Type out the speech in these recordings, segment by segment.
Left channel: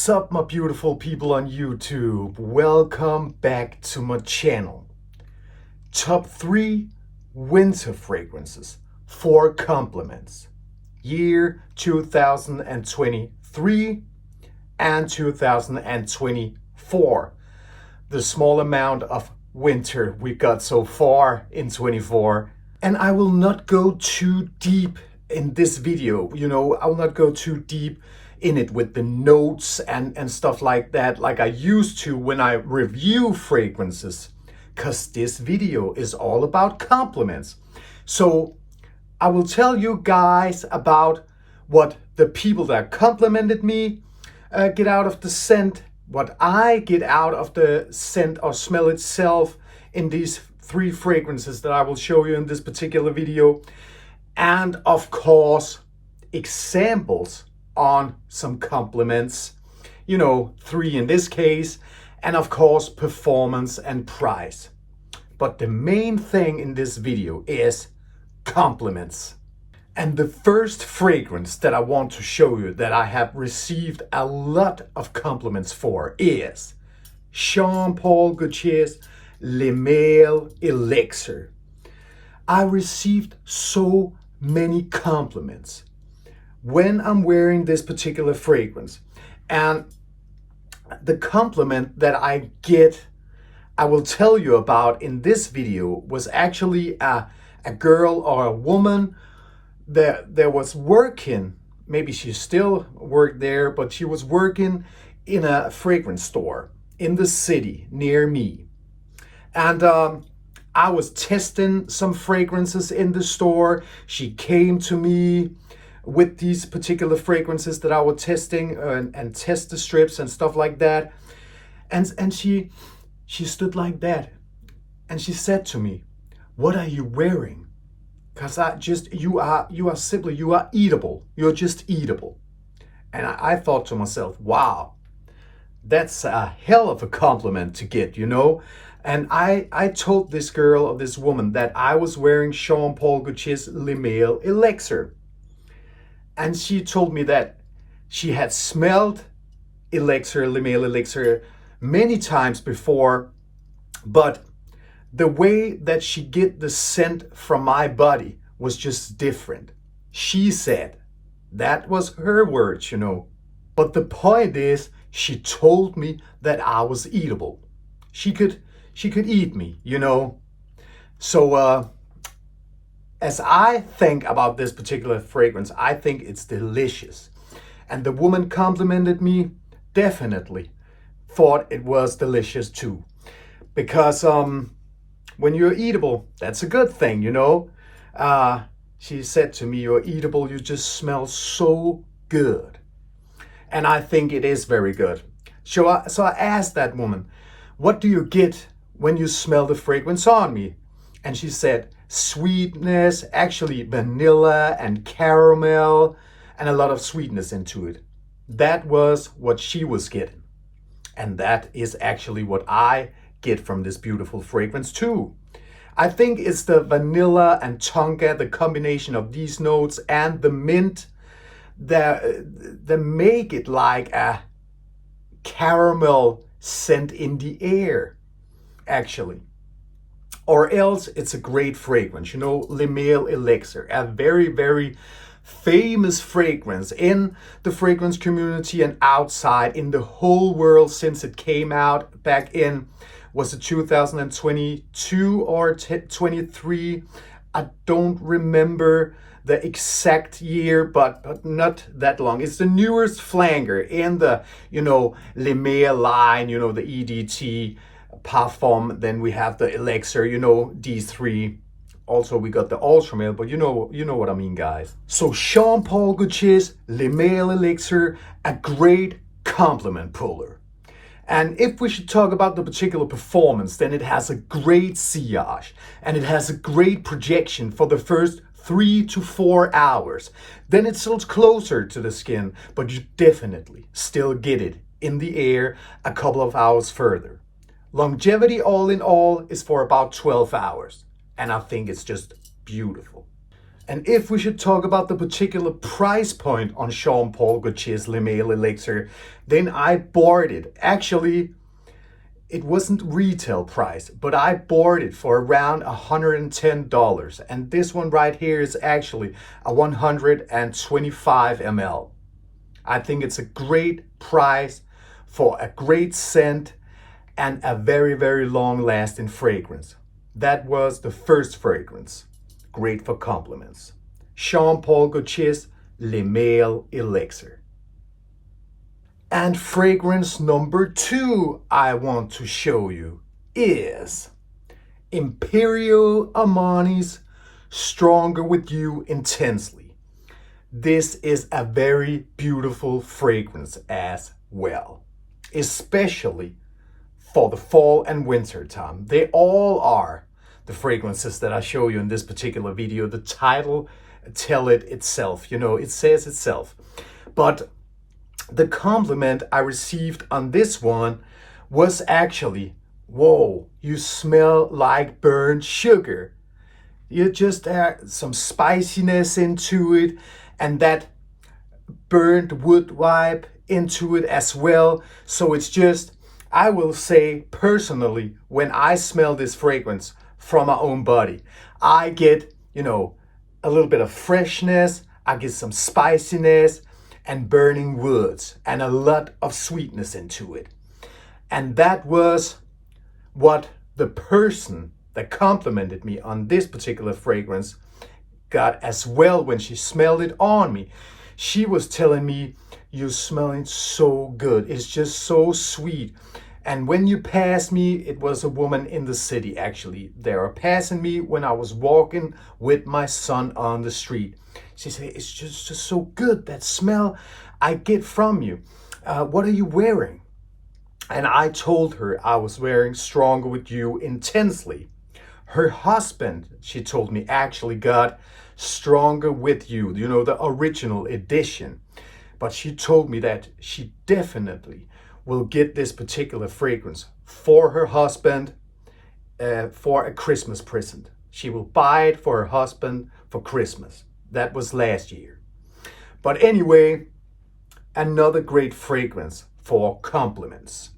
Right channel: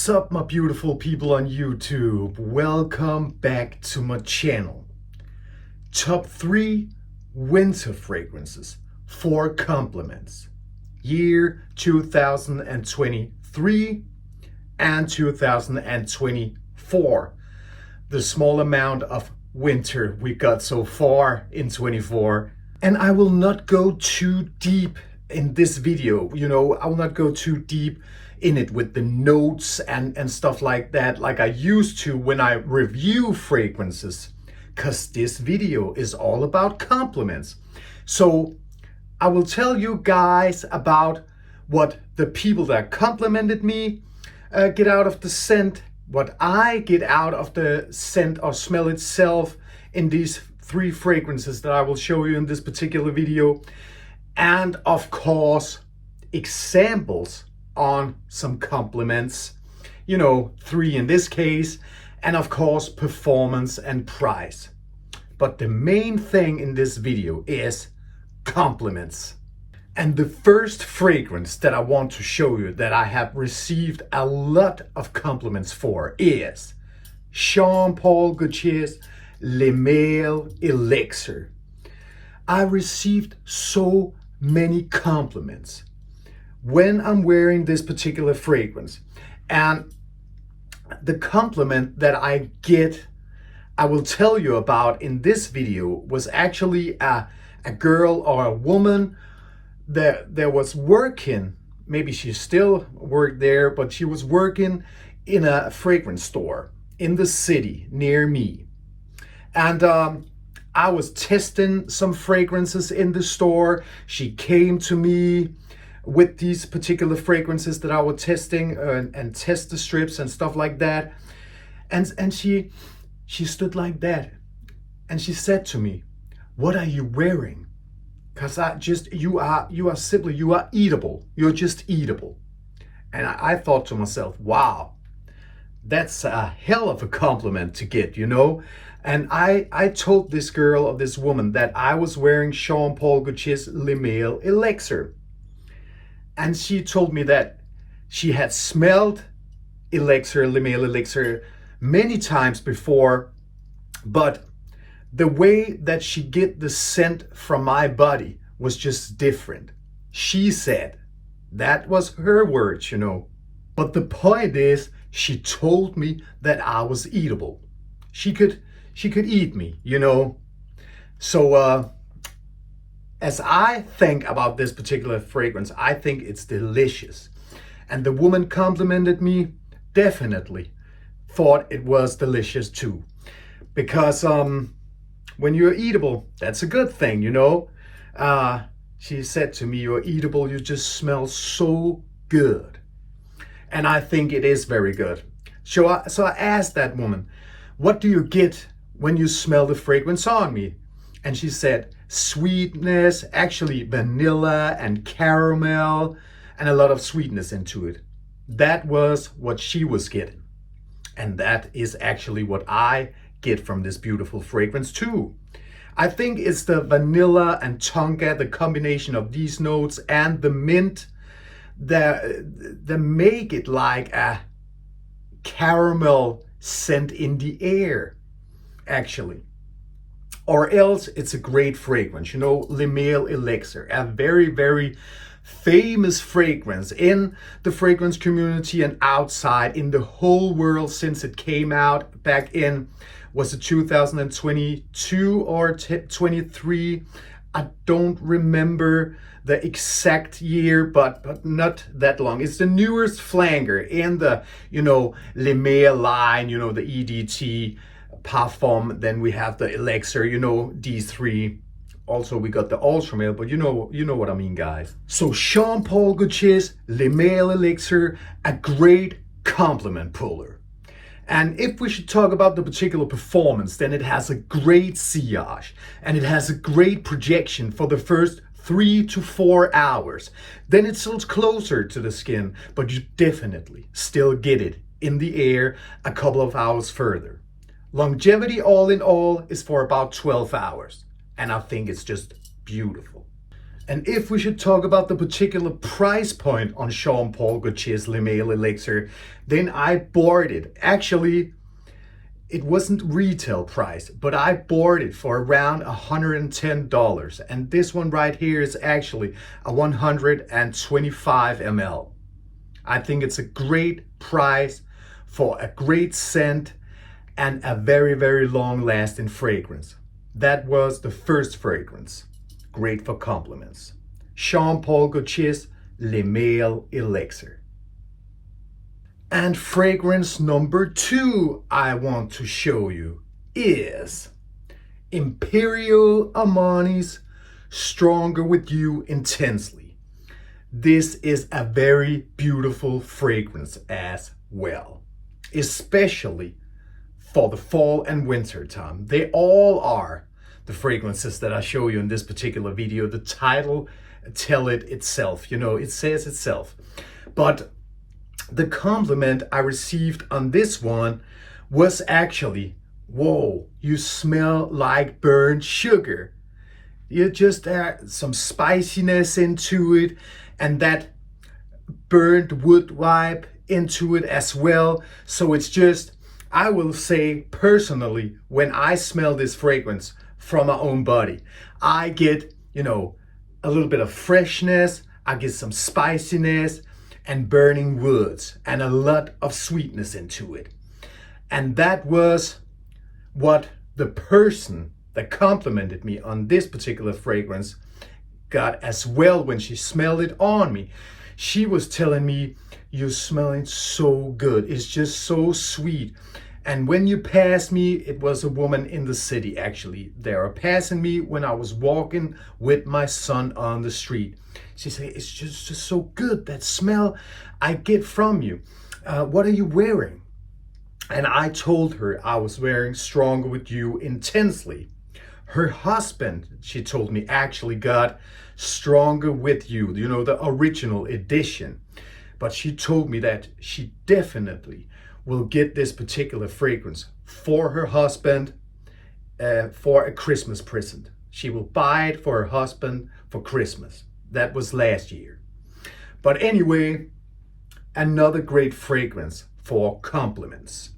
What's up, my beautiful people on YouTube? Welcome back to my channel. Top 3 winter fragrances for compliments. Year 2023 and 2024. The small amount of winter we got so far in 24. And I will not go too deep in this video. I will not go too deep in it with the notes and stuff like that, like I used to when I review fragrances, because this video is all about compliments. So I will tell you guys about what the people that complimented me get out of the scent, what I get out of the scent or smell itself in these 3 fragrances that I will show you in this particular video, and of course examples on some compliments, 3 in this case, and of course performance and price. But the main thing in this video is compliments. And the first fragrance that I want to show you that I have received a lot of compliments for is Jean Paul Gaultier's Le Male Elixir. I received so many compliments when I'm wearing this particular fragrance. And the compliment that I get, I will tell you about in this video, was actually a girl or a woman that was working, maybe she still worked there, but she was working in a fragrance store in the city near me. And I was testing some fragrances in the store. She came to me with these particular fragrances that I was testing and test the strips and stuff like that. And she stood like that. And she said to me, "What are you wearing? Because you are eatable. You're just eatable." And I thought to myself, wow, that's a hell of a compliment to get, And I told this girl or this woman that I was wearing Jean Paul Gaultier's Le Male Elixir. And she told me that she had smelled Le Male Elixir many times before, but the way that she get the scent from my body was just different. She said, that was her words, But the point is, she told me that I was eatable. She could eat me, So as I think about this particular fragrance, I think it's delicious. And the woman complimented me, definitely thought it was delicious too. Because when you're eatable, that's a good thing, She said to me, "You're eatable, you just smell so good." And I think it is very good. So I asked that woman, "What do you get when you smell the fragrance on me?" And she said, sweetness, actually vanilla and caramel, and a lot of sweetness into it. That was what she was getting. And that is actually what I get from this beautiful fragrance too. I think it's the vanilla and tonka, the combination of these notes and the mint that make it like a caramel scent in the air, actually. Or else it's a great fragrance, Le Male Elixir, a very, very famous fragrance in the fragrance community and outside in the whole world since it came out back in, was it 2022 or 23? I don't remember the exact year, but not that long. It's the newest flanger in the, Le Male line, the EDT Parfum. Then we have the Elixir, these 3. Also, we got the Ultra Male, but you know what I mean, guys. So Jean Paul Gaultier's Le Male Elixir, a great compliment puller. And if we should talk about the particular performance, then it has a great sillage and it has a great projection for the first 3 to 4 hours. Then it's still closer to the skin, but you definitely still get it in the air a couple of hours further. Longevity all in all is for about 12 hours. And I think it's just beautiful. And if we should talk about the particular price point on Jean Paul Gaultier's Le Male Elixir, then I bought it. Actually, it wasn't retail price, but I bought it for around $110. And this one right here is actually a 125 ml. I think it's a great price for a great scent and a very, very long lasting fragrance. That was the first fragrance. Great for compliments. Jean Paul Gaultier's Le Male Elixir. And fragrance number 2 I want to show you is Imperial Armani's Stronger With You Intensely. This is a very beautiful fragrance as well, especially for the fall and winter time. They all are the fragrances that I show you in this particular video. The title tell it itself, it says itself. But the compliment I received on this one was actually, whoa, you smell like burnt sugar. You just add some spiciness into it and that burnt wood vibe into it as well. So it's just, I will say personally, when I smell this fragrance from my own body, I get, a little bit of freshness, I get some spiciness and burning woods and a lot of sweetness into it. And that was what the person that complimented me on this particular fragrance got as well when she smelled it on me. She was telling me, you're smelling so good. It's just so sweet. And when you passed me, it was a woman in the city actually. They were passing me when I was walking with my son on the street. She said, it's just so good, that smell I get from you. What are you wearing? And I told her I was wearing Stronger With You Intensely. Her husband, she told me, actually got Stronger With You, the original edition. But she told me that she definitely will get this particular fragrance for her husband for a Christmas present. She will buy it for her husband for Christmas. That was last year. But anyway, another great fragrance for compliments.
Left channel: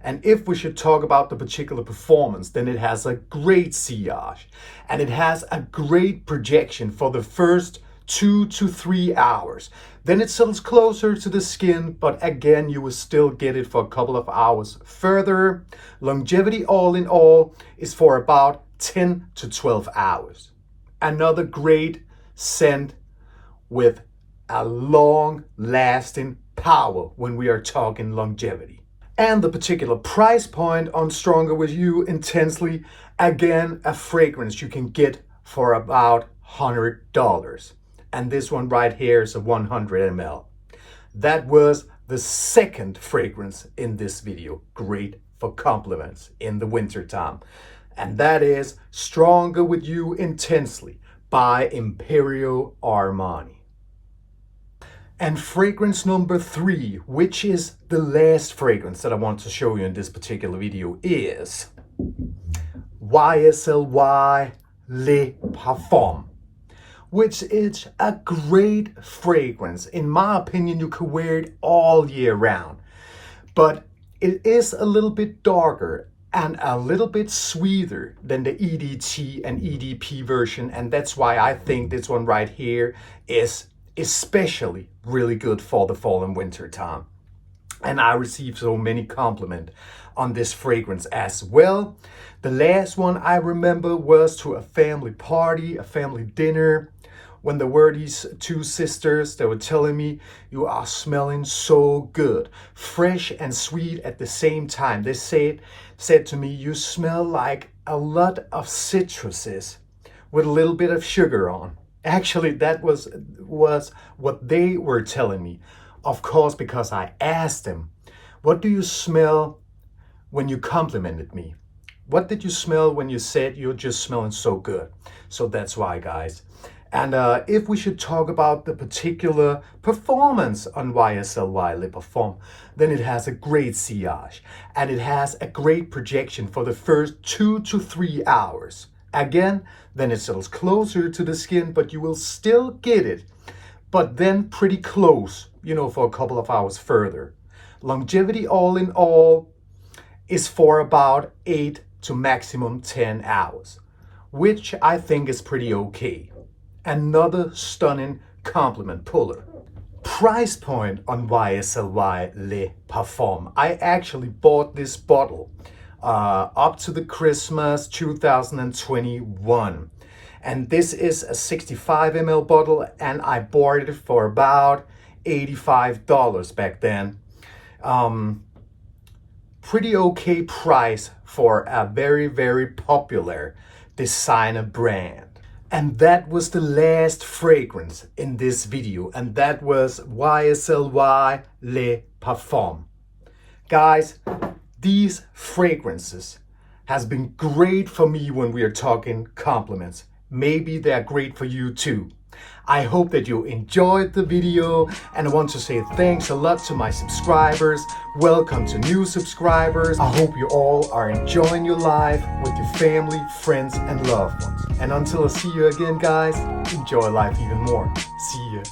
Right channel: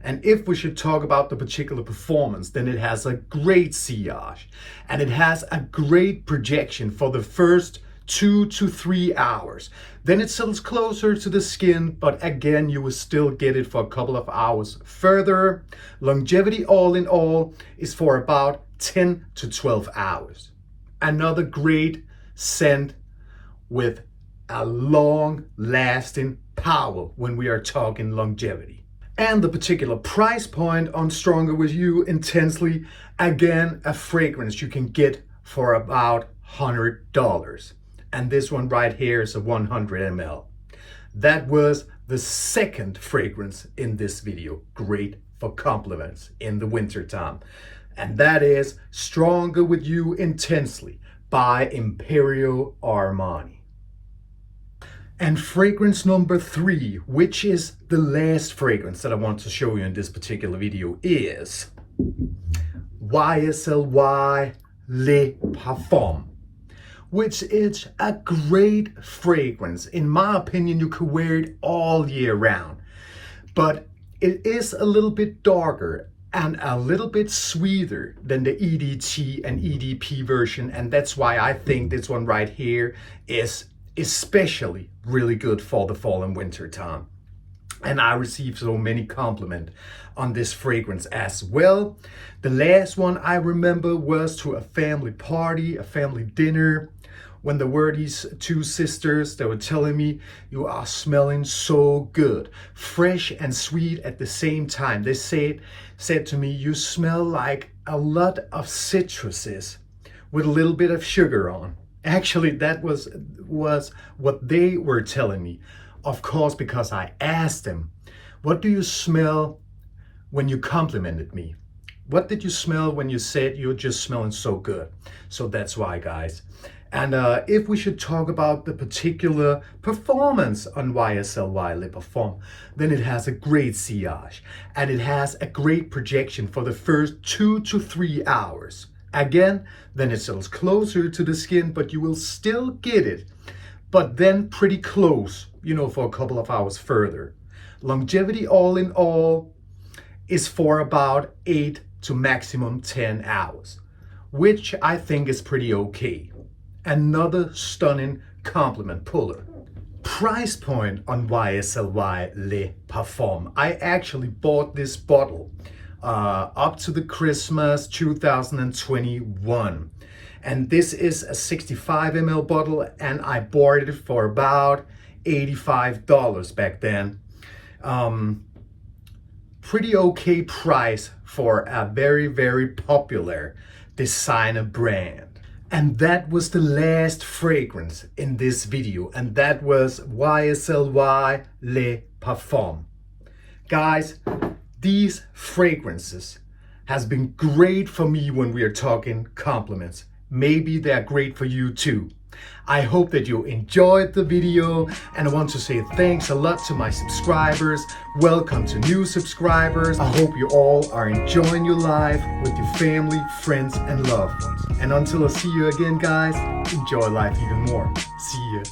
And if we should talk about the particular performance, then it has a great sillage and it has a great projection for the first 2 to 3 hours. Then it settles closer to the skin, but again, you will still get it for a couple of hours further. Longevity all in all is for about 10 to 12 hours. Another great scent with a long lasting power when we are talking longevity. And the particular price point on Stronger With You Intensely, again, a fragrance you can get for about $100. And this one right here is a 100 ml. That was the second fragrance in this video. Great for compliments in the winter time. And that is Stronger With You Intensely by Imperial Armani. And fragrance number 3, which is the last fragrance that I want to show you in this particular video, is YSLY Le Parfum, which is a great fragrance. In my opinion, you could wear it all year round, but it is a little bit darker and a little bit sweeter than the EDT and EDP version. And that's why I think this one right here is especially really good for the fall and winter time. And I received so many compliments on this fragrance as well. The last one I remember was to a family party, a family dinner, when there were these two sisters that were telling me, you are smelling so good, fresh and sweet at the same time. They said to me, you smell like a lot of citruses with a little bit of sugar on. Actually, that was what they were telling me. Of course, because I asked them, what do you smell when you complimented me? What did you smell when you said you're just smelling so good? So that's why, guys. And if we should talk about the particular performance on YSLY Le Parfum, then it has a great sillage and it has a great projection for the first 2 to 3 hours. Again, then it's a little closer to the skin, but you will still get it. But then pretty close, for a couple of hours further. Longevity all in all is for about 8 to maximum 10 hours, which I think is pretty okay. Another stunning compliment puller. Price point on YSLY Le Parfum. I actually bought this bottle up to the Christmas 2021. And this is a 65 ml bottle, and I bought it for about $85 back then. Pretty okay price for a very, very popular designer brand. And that was the last fragrance in this video, and that was YSLY Le Parfum. Guys, these fragrances has been great for me when we are talking compliments. Maybe they're great for you too. I hope that you enjoyed the video, and I want to say thanks a lot to my subscribers. Welcome to new subscribers. I hope you all are enjoying your life with your family, friends, and loved ones. And until I see you again, guys, enjoy life even more. See ya.